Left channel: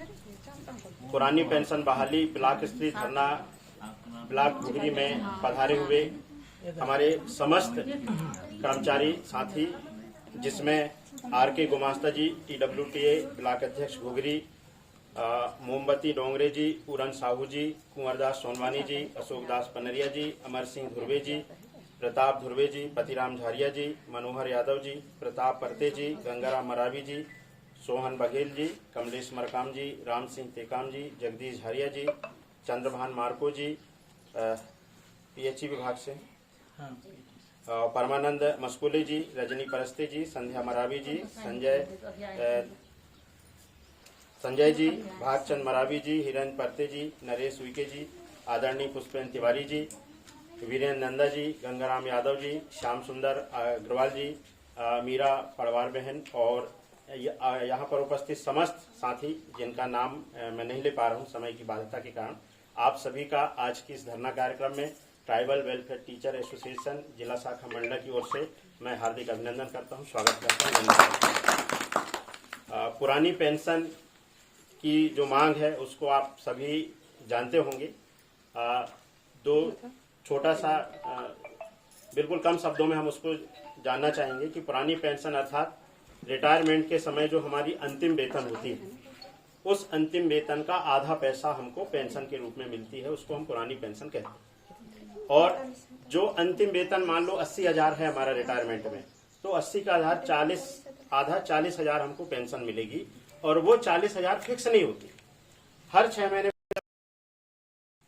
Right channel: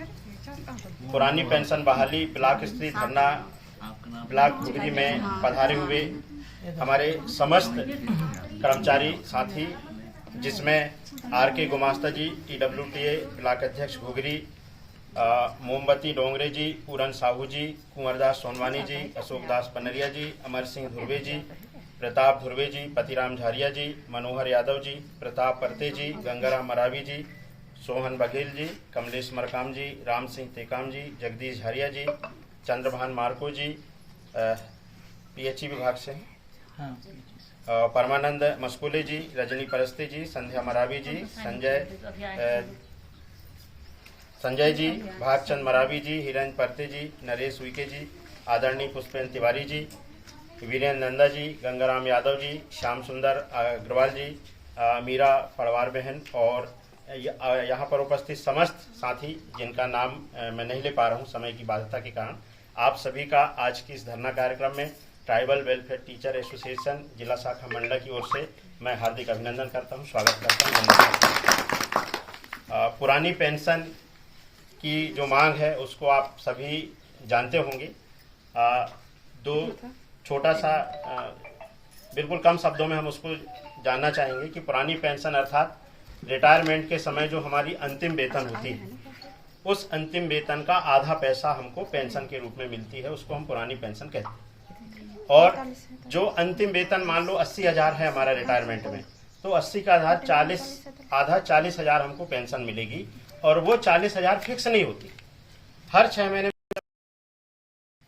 पुरानी पेंशन बहाली ब्लॉक स्थित धरना ब्लॉक घुघरी में पधारे हुए हमारे समस्त कर्मचारी साथी, जिसमें आर.के. गुमास्ता जी, TWTA ब्लॉक अध्यक्ष घुघरी, मोमबती डोंगरे जी, पूरन साहू जी, कुंवरदास सोनवानी जी, अशोक दास पनरिया जी, अमर सिंह धुर्वे जी, प्रताप धुर्वे जी, पतिराम झारिया जी, मनोहर यादव जी, प्रताप परते जी, गंगाराम मरावी जी, सोहन बघेल जी, कमलेश मरकाम जी, राम सिंह टेकाम जी, जगदीश झारिया जी, चंद्रभान मार्को जी, PHE विभाग से, परमानंद मस्कुले जी, रजनी परस्ते जी, संध्या मरावी जी, संजय जी, भागचंद मरावी जी, हिरेंद्र परते जी, नरेश उइके जी, आदरणीय पुष्पेन तिवारी जी, वीरेंद्र नंदा जी, गंगाराम यादव जी, श्याम सुंदर अग्रवाल जी, मीरा पड़वार बहन और यहाँ पर उपस्थित समस्त साथी जिनका नाम मैं नहीं ले पा रहा हूँ समय की बाध्यता के कारण, आप सभी का आज की इस धरना कार्यक्रम में ट्राइबल वेलफेयर टीचर एसोसिएशन जिला शाखा मंडला की ओर से मैं हार्दिक अभिनंदन करता हूँ, स्वागत करता हूँ। पुरानी पेंशन की जो मांग है उसको आप सभी जानते होंगे। दो छोटा सा बिल्कुल कम शब्दों में हम उसको जानना चाहेंगे कि पुरानी पेंशन अर्थात रिटायरमेंट के समय जो हमारी अंतिम वेतन होती है, उस अंतिम वेतन का आधा पैसा हमको पेंशन के रूप में मिलती है, उसको हम पुरानी पेंशन कहते हैं। और जो अंतिम वेतन मान लो 80,000 है हमारा रिटायरमेंट में, तो 80 का आधा 40,000 हमको पेंशन मिलेगी और वो 40,000 फिक्स नहीं होती, हर 6 महीने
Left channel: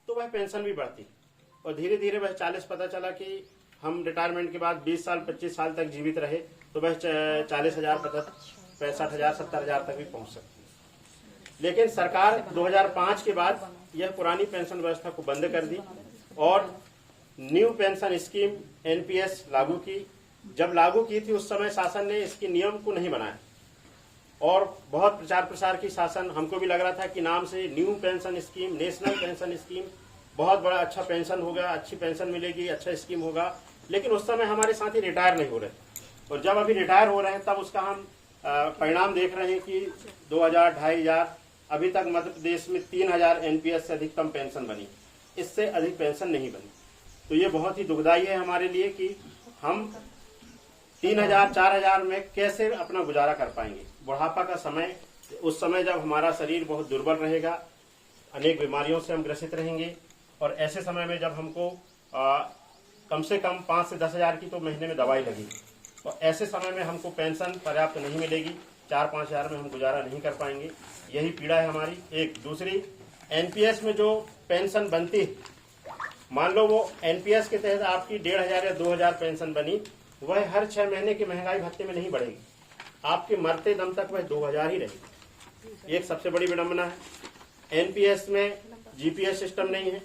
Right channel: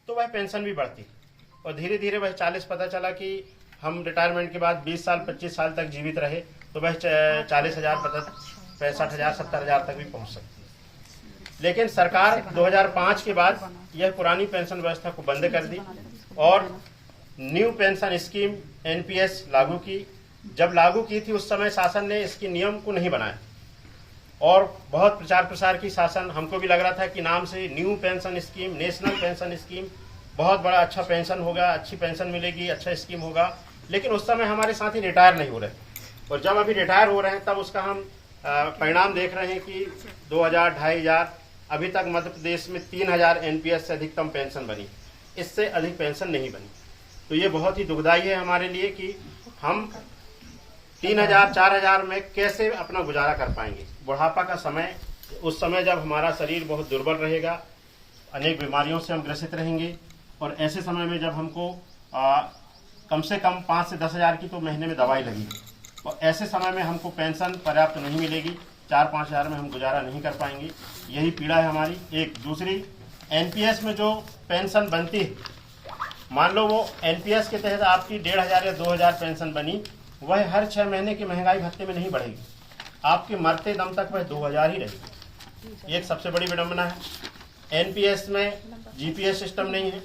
तो वह पेंशन भी बढ़ती और धीरे धीरे वह 40 पता चला कि हम रिटायरमेंट के बाद 20 साल 25 साल तक जीवित रहे तो वह 40,000 65,000 70,000 तक भी पहुंच सकती है। लेकिन सरकार 2005 के बाद यह पुरानी पेंशन व्यवस्था को बंद कर दी और न्यू पेंशन स्कीम NPS लागू की। जब लागू की थी उस समय शासन ने इसके नियम को नहीं बनाया और बहुत प्रचार प्रसार की शासन, हमको भी लग रहा था कि नाम से new pension scheme, national pension scheme, बहुत बड़ा अच्छा पेंशन होगा, अच्छी पेंशन मिलेगी, अच्छा स्कीम होगा। लेकिन उस समय हमारे साथी रिटायर नहीं हो रहे और जब अभी रिटायर हो रहे हैं तब उसका हम परिणाम देख रहे हैं कि 2,000 2,500 अभी तक मध्य प्रदेश में 3,000 NPS से अधिकतम पेंशन बनी, इससे अधिक पेंशन नहीं बनी। तो ये बहुत ही दुखदायी है हमारे लिए कि हम 3,000 4,000 में कैसे अपना गुजारा कर पाएंगे। बुढ़ापा का समय, उस समय जब हमारा शरीर बहुत दुर्बल रहेगा, अनेक बीमारियों से हम ग्रसित रहेंगे और ऐसे समय में जब हमको कम से कम 5 से 10,000 की तो महीने में दवाई लगेगी और ऐसे समय में हमको पेंशन पर्याप्त नहीं मिलेगी, 4-5 हज़ार में हम गुजारा नहीं कर पाएंगे। यही पीड़ा है हमारी। एक दूसरी NPS में जो पेंशन बनती है, मान लो वो NPS के तहत आपकी 1,500 या 2,000 पेंशन बनी, वह हर 6 महीने की महंगाई भत्ते में नहीं बढ़ेगी, आपके मरते दम तक वह 2,000 ही रहेगी। एक सबसे बड़ी विडंबना है। NPS में GPS सिस्टम नहीं है।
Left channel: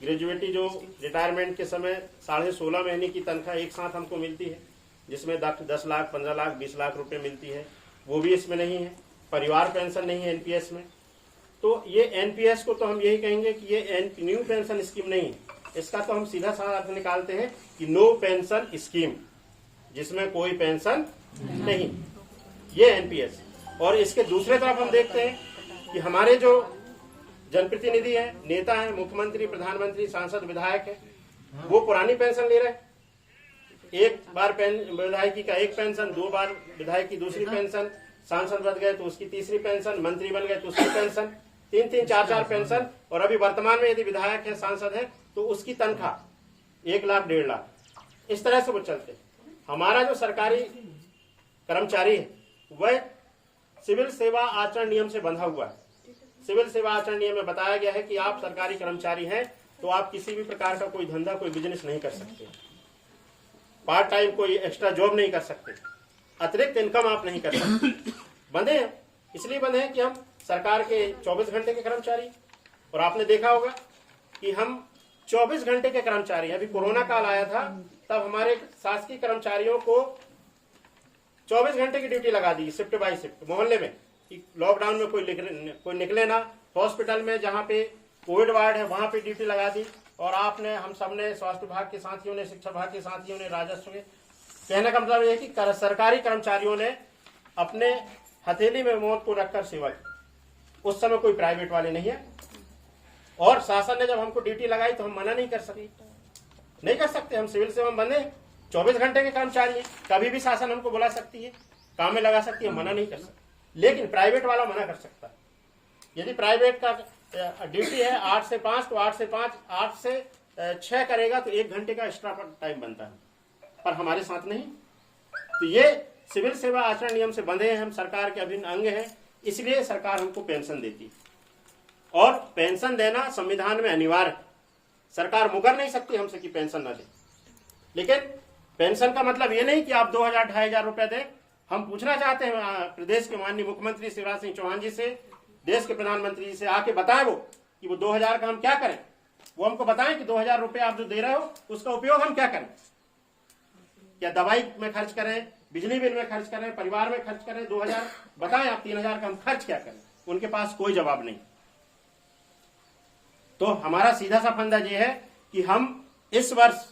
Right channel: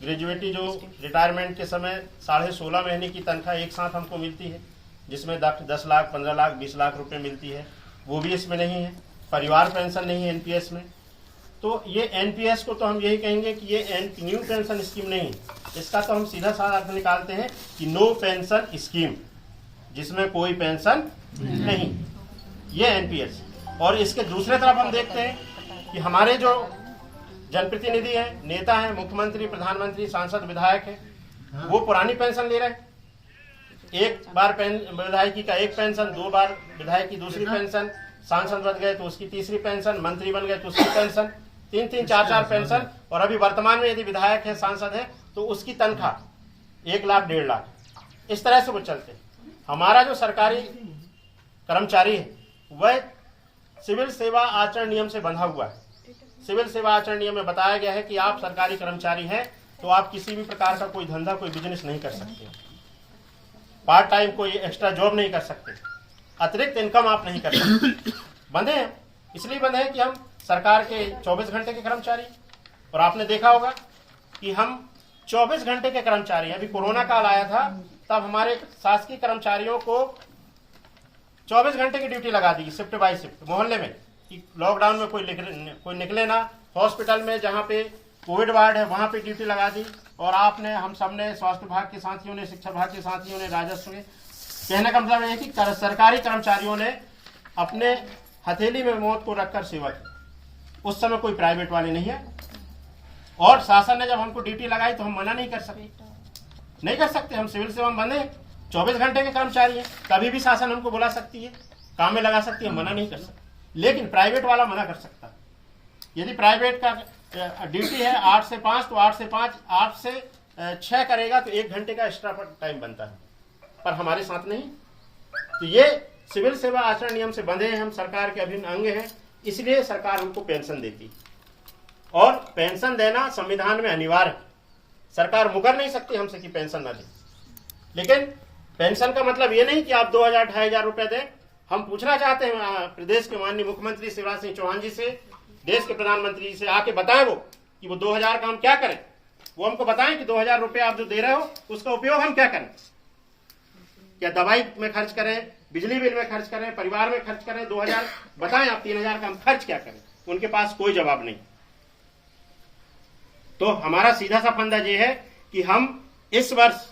ग्रेजुएटी जो रिटायरमेंट के समय 16.5 महीने की तनख्वाह एक साथ हमको मिलती है, जिसमें 10 लाख 15 लाख 20 लाख रुपए मिलती है, वो भी इसमें नहीं है। परिवार पेंशन नहीं है NPS में। तो ये NPS को तो हम यही कहेंगे कि ये न्यू पेंशन स्कीम नहीं है, इसका तो हम सीधा साधा अर्थ निकालते हैं कि नो पेंशन स्कीम, जिसमें कोई पेंशन नहीं, ये NPS। और इसके दूसरे तरफ हम देखते हैं कि हमारे जो जनप्रतिनिधि है, नेता है, मुख्यमंत्री, प्रधानमंत्री, सांसद, विधायक है, वो पुरानी पेंशन ले रहे हैं। एक बार विधायकी का एक पेंशन, 2 बार विधायक की दूसरी पेंशन, सांसद बन गए तो उसकी तीसरी पेंशन, मंत्री बन गए तो उसकी पेंशन, 3-3 4-4 पेंशन। और अभी वर्तमान में यदि विधायक है, सांसद है, तो उसकी तनख्वाह 1 लाख 1.5 लाख, इस तरह से वो चलते। हमारा जो सरकारी कर्मचारी है वह सिविल सेवा आचरण नियम से बंधा हुआ है। सिविल सेवा आचरण नियम में बताया गया है कि आप सरकारी कर्मचारी हैं तो आप किसी भी प्रकार का कोई धंधा, कोई बिजनेस नहीं कर सकते, पार्ट टाइम कोई एक्स्ट्रा जॉब नहीं कर सकते, अतिरिक्त इनकम आप नहीं कर सकते। बंधे हैं, इसलिए बंधे हैं कि हम सरकार के 24 घंटे के कर्मचारी। और आपने देखा होगा कि हम 24 घंटे के कर्मचारी, अभी कोरोना काल आया था तब हमारे शासकीय कर्मचारियों को 24 घंटे की ड्यूटी लगा दी, शिफ्ट बाय शिफ्ट, मोहल्ले में, कि लॉकडाउन में कोई निकले ना। हॉस्पिटल में जहाँ पे कोविड वार्ड है वहाँ पे ड्यूटी लगा दी। और आपने, हम सबने, स्वास्थ्य विभाग के साथियों ने, शिक्षा विभाग के साथियों ने, राजस्व के, कहने का मतलब है कि सरकारी कर्मचारियों ने अपने हथेली में मौत को रखकर सेवा की। उस समय कोई प्राइवेट वाले नहीं है, और शासन ने जब हमको ड्यूटी लगाई तो हम मना नहीं कर सकते। हम सिविल सेवा में बंधे 24 घंटे के कर्मचारी हैं, कभी भी शासन हमको बुला सकती है, काम में लगा सकती है, मना नहीं कर सकती। लेकिन प्राइवेट वाला मना कर सकता है। यदि प्राइवेट का ड्यूटी है 8 से 5 तो 8 से 5, 8 से 6 करेगा तो 1 घंटे का एक्स्ट्रा टाइम बनता है, पर हमारे साथ नहीं। तो ये सिविल सेवा आचरण नियम से बंधे हैं, हम सरकार के अभिन्न अंग हैं, इसलिए सरकार हमको पेंशन देती, और पेंशन देना संविधान में अनिवार्य है। सरकार मुकर नहीं सकती हमसे कि पेंशन न दे। लेकिन पेंशन का मतलब ये नहीं कि आप 2000 2500 रुपए दें। हम पूछना चाहते हैं प्रदेश के माननीय मुख्यमंत्री शिवराज सिंह चौहान जी से, देश के प्रधानमंत्री जी से, आके बताएं वो कि वो 2000 का हम क्या करें। वो हमको बताएं कि 2000 रुपये आप जो दे रहे हो उसका उपयोग हम क्या करें। क्या दवाई में खर्च करें, बिजली बिल में खर्च करें, परिवार में खर्च करें। 2000 बताएं आप, 3000 का हम खर्च क्या करें। उनके पास कोई जवाब नहीं। तो हमारा सीधा सा फंदा ये है कि हम इस वर्ष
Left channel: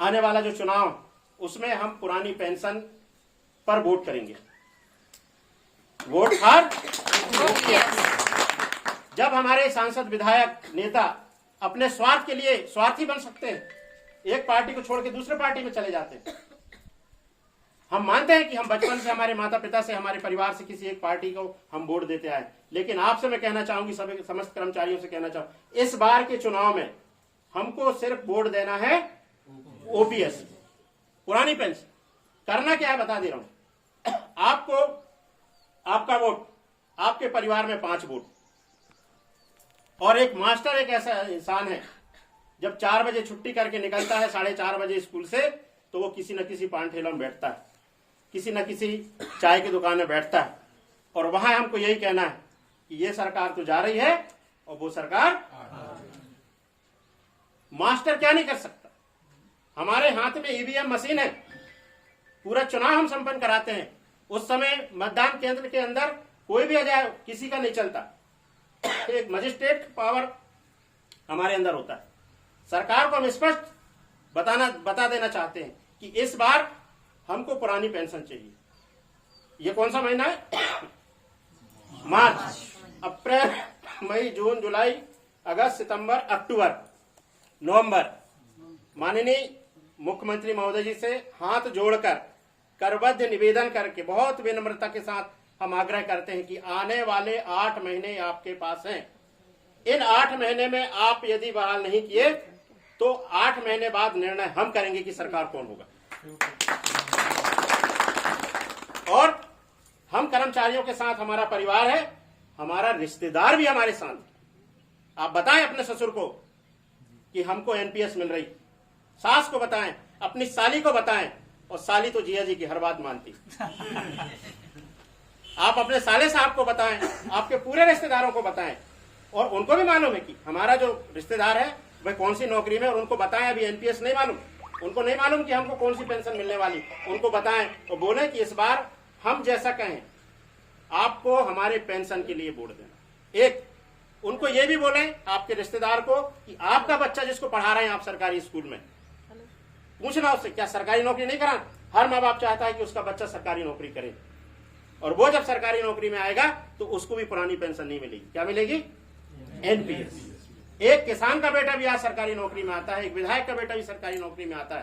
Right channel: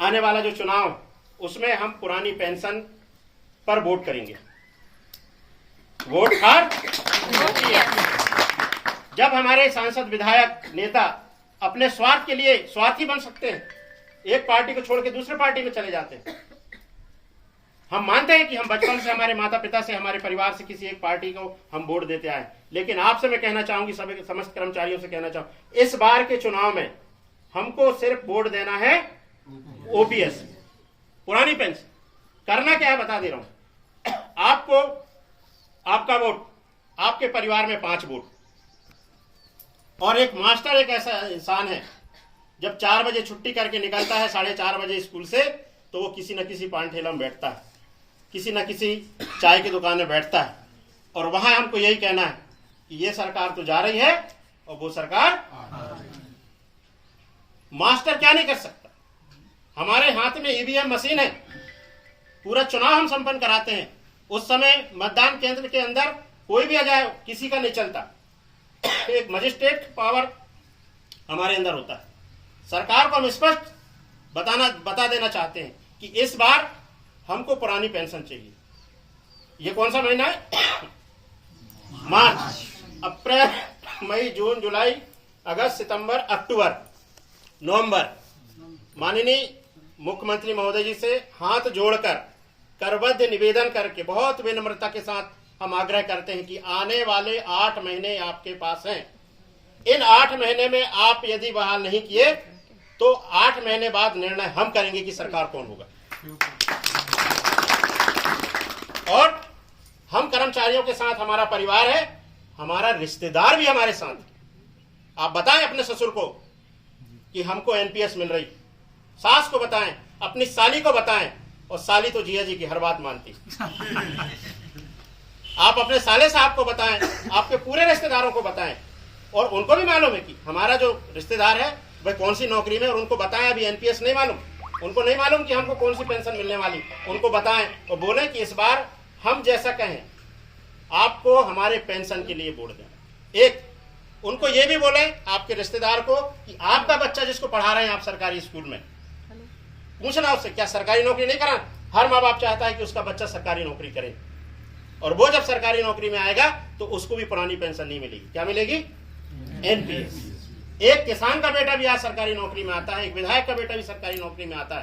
आने वाला जो चुनाव, उसमें हम पुरानी पेंशन पर वोट करेंगे। वोट फॉर जब हमारे सांसद, विधायक, नेता अपने स्वार्थ के लिए स्वार्थी बन सकते हैं, एक पार्टी को छोड़ के दूसरे पार्टी में चले जाते हैं। हम मानते हैं कि हम बचपन से हमारे माता पिता से, हमारे परिवार से किसी एक पार्टी को हम वोट देते आए, लेकिन आपसे मैं कहना चाहूंगी, सभी समस्त कर्मचारियों से कहना चाहूँ, इस बार के चुनाव में हमको सिर्फ वोट देना है ओपीएस, पुरानी पेंशन। करना क्या है बता दे रहा हूं आपको। आपका वोट, आपके परिवार में 5 वोट। और एक मास्टर एक ऐसा इंसान है, जब 4 बजे छुट्टी करके निकलता है 4:30 बजे स्कूल से, तो वो किसी न किसी पान ठेला में बैठता है, किसी न किसी चाय की दुकान में बैठता है, और वहां हमको यही कहना है कि ये सरकार तो जा रही है और वो सरकार। मास्टर क्या नहीं कर सकता। हमारे हाथ में ईवीएम मशीन है, पूरा चुनाव हम संपन्न कराते हैं। उस समय मतदान केंद्र के अंदर कोई भी आ जाए, किसी का नहीं चलता। एक मजिस्ट्रेट पावर हमारे अंदर होता है। सरकार को हम स्पष्ट बता देना चाहते हैं कि इस बार हमको पुरानी पेंशन चाहिए। ये कौन सा महीना है? मार्च, अप्रैल, मई, जून, जुलाई, अगस्त, सितंबर, अक्टूबर, नवंबर। माननीय मुख्यमंत्री महोदय जी से हाथ जोड़कर करबद्ध निवेदन करके बहुत विनम्रता के साथ हम आग्रह करते हैं कि आने वाले 8 महीने आपके पास हैं। इन 8 महीने में आप यदि बहाल नहीं किए तो 8 महीने बाद निर्णय हम करेंगे कि सरकार कौन होगा। और हम कर्मचारियों के साथ हमारा परिवार है, हमारा रिश्तेदार भी हमारे साथ। आप बताएं अपने ससुर को कि हमको एनपीएस मिल रही, सास को बताएं, अपनी साली को बताएं, और साली तो जिया जी की हर बात मानती। आप अपने साले साहब को बताएं, आपके पूरे रिश्तेदारों को बताएं, और उनको भी मालूम है कि हमारा जो रिश्तेदार है वह कौन सी नौकरी में, और उनको बताएं अभी एनपीएस नहीं मालूम, उनको नहीं मालूम कि हमको कौन सी पेंशन मिलने वाली, उनको बताएं और बोलें कि इस बार हम जैसा कहें आपको हमारे पेंशन के लिए वोट दें। एक उनको ये भी बोलें आपके रिश्तेदार को कि आपका बच्चा जिसको पढ़ा रहे हैं आप सरकारी स्कूल में, पूछना उससे क्या सरकारी नौकरी नहीं करा। हर माँ बाप चाहता है कि उसका बच्चा सरकारी नौकरी करे, और वो जब सरकारी नौकरी में आएगा तो उसको भी पुरानी पेंशन नहीं मिलेगी। क्या मिलेगी? एनपीएस। एक किसान का बेटा भी आज सरकारी नौकरी में आता है, एक विधायक का बेटा भी सरकारी नौकरी में आता है।